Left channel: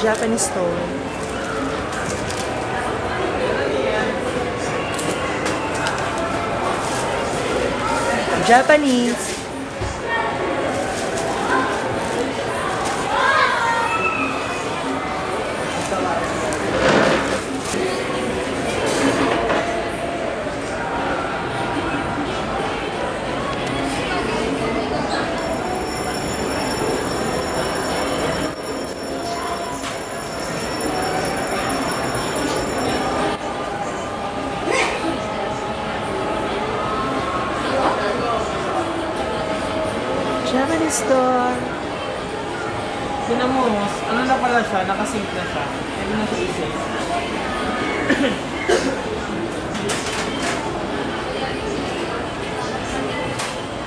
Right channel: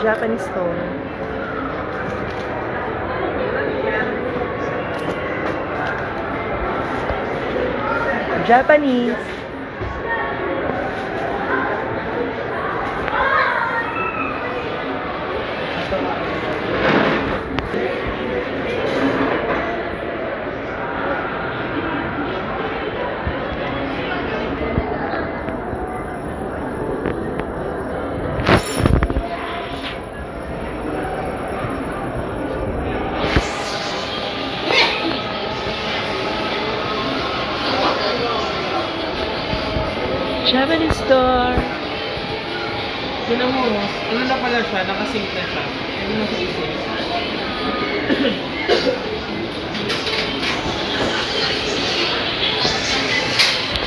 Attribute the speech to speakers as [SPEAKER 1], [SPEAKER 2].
[SPEAKER 1] Japanese store. Japanese. Japanese store.
[SPEAKER 2] Tinan mo, ano na pala siya, nakasave na siya. Hindi mo sa isip.